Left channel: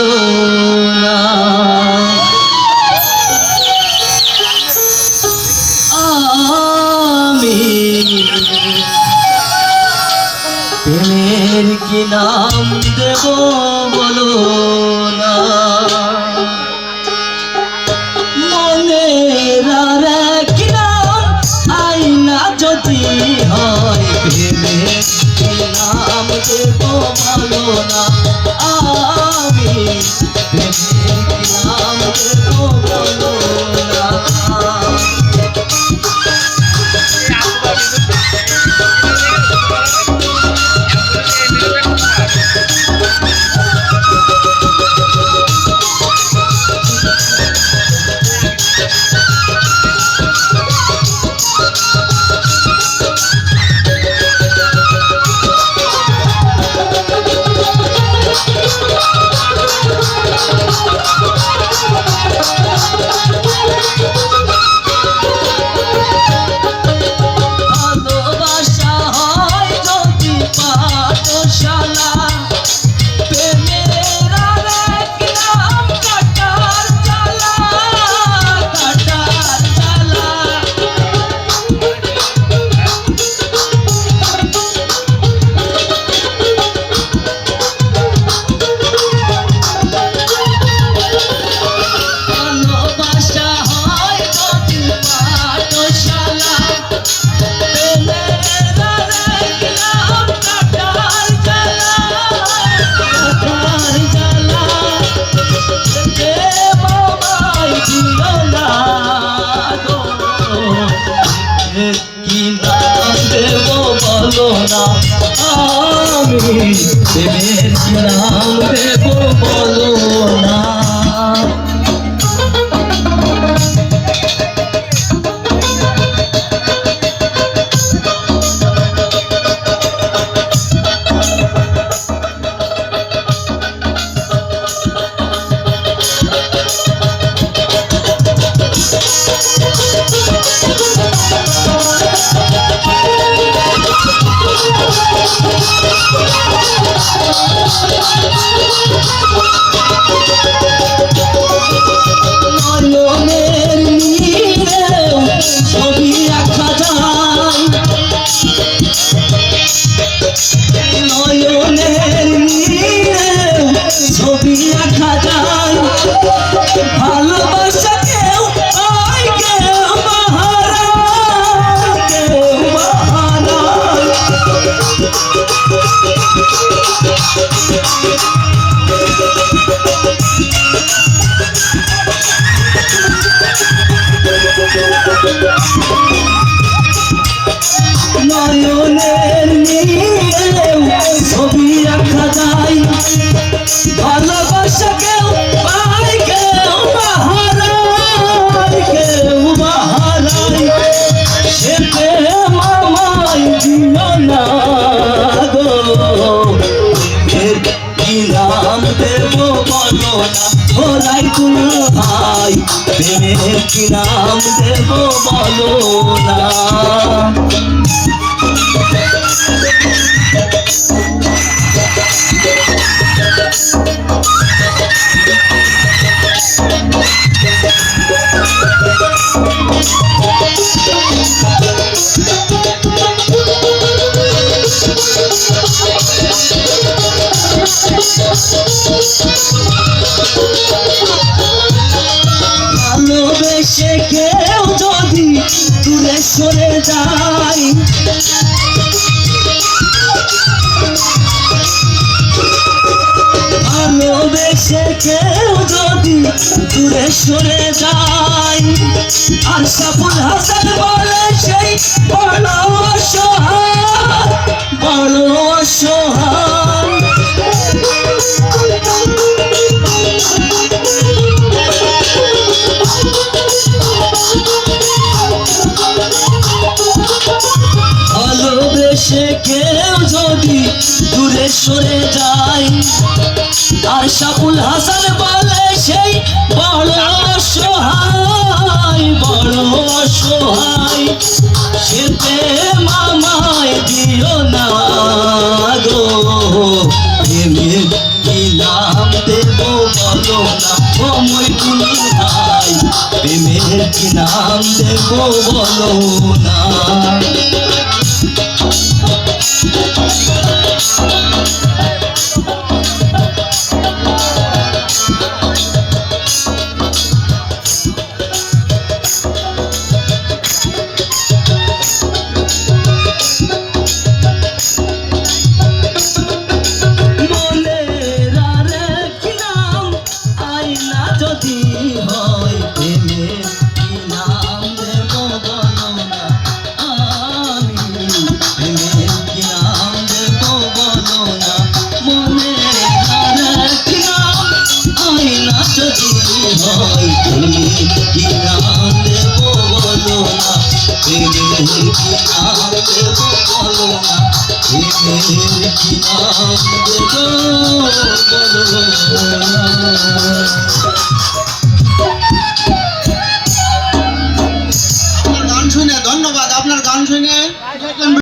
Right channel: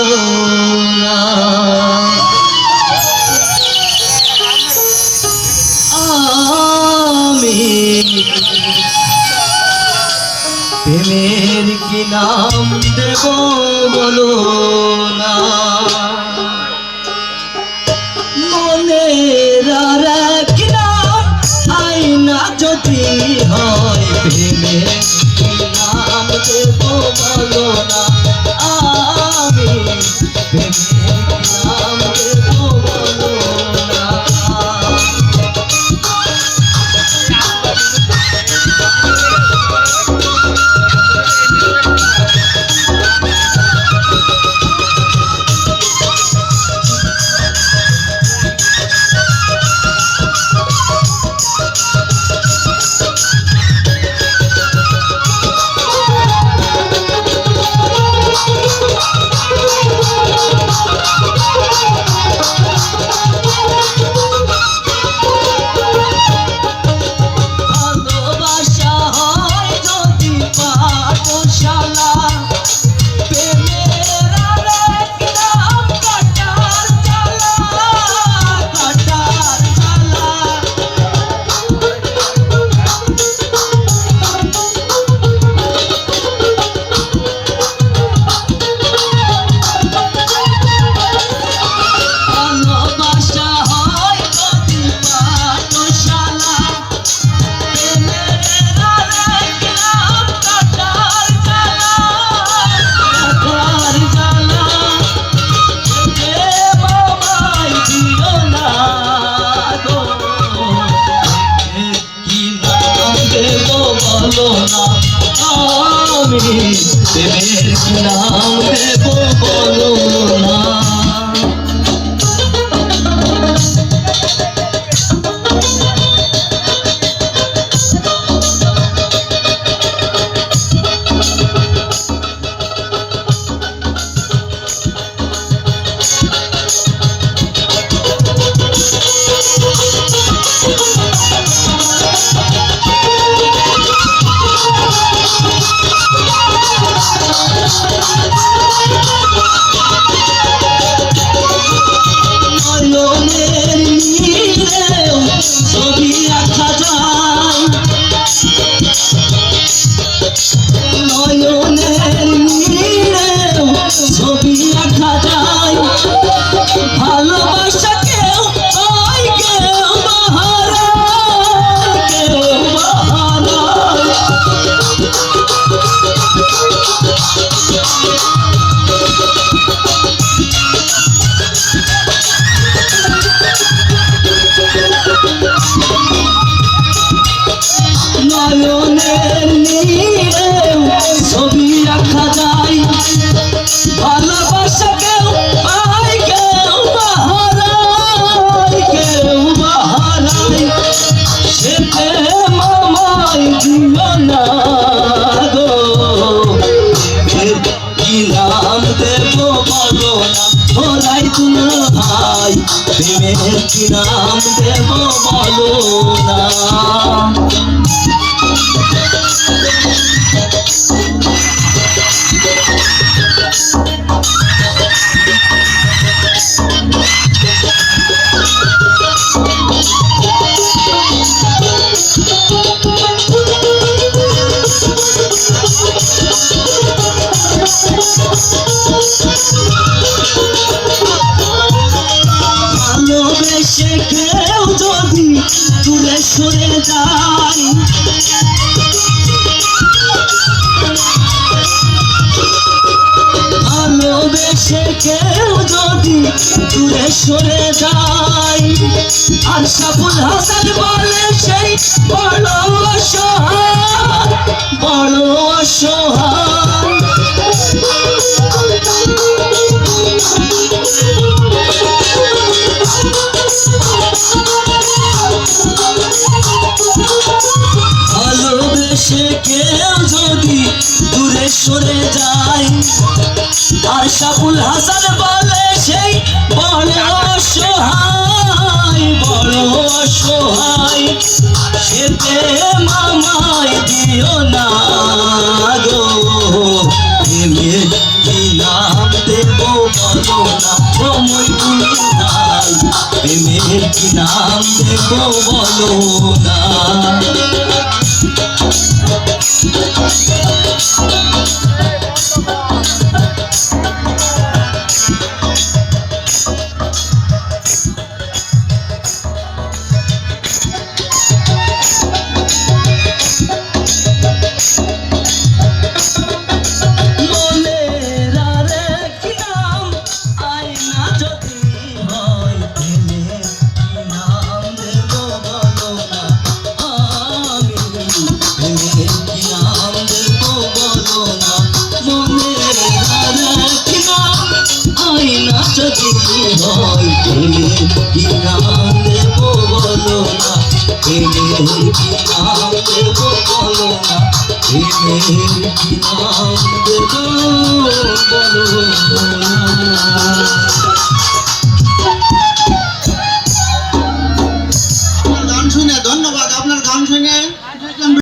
বলো না। আমি প্রেমের কি নাম দেব বলো না। মনের আর কি নাম আইনা যদি হয়, প্রেমের কি নাম দেব বলো না। আমি প্রেমের কি নাম দেব বলো না। আমি প্রেমের কি নাম দেব বলো না। ছবি আঁকা যায় ভালোবাসা কেউ পায় কেউ হারায় কেউ হারায়। নয়নের নীরে ছবি আঁকা যায় ভালোবাসা কেউ পায় কেউ হারায় কেউ হারায়। সে প্রেম আমায় দিও না গো, কি নাম দেব বলো না। ওরাই তুমি ভাই প্রেমের কি নাম দেব বলো না। ভালোবেসে কেউ যদি দূরে সরে যায়, ভালোবেসে কেউ যদি দূরে সরে যায়, আর সাবুল হাসান বলে সেই বড় অসহায় বড় অসহায়। ভালোবেসে কেউ যদি দূরে সরে যায়, আর সাবুল হাসান বলে সেই বড় অসহায় বড় অসহায়। সেতে মামায় দিও না গো, প্রেমের কি নাম দেব কি নাম দেব বলো না। গান শুনে ধন্যবাদ, আপনার গান শুনে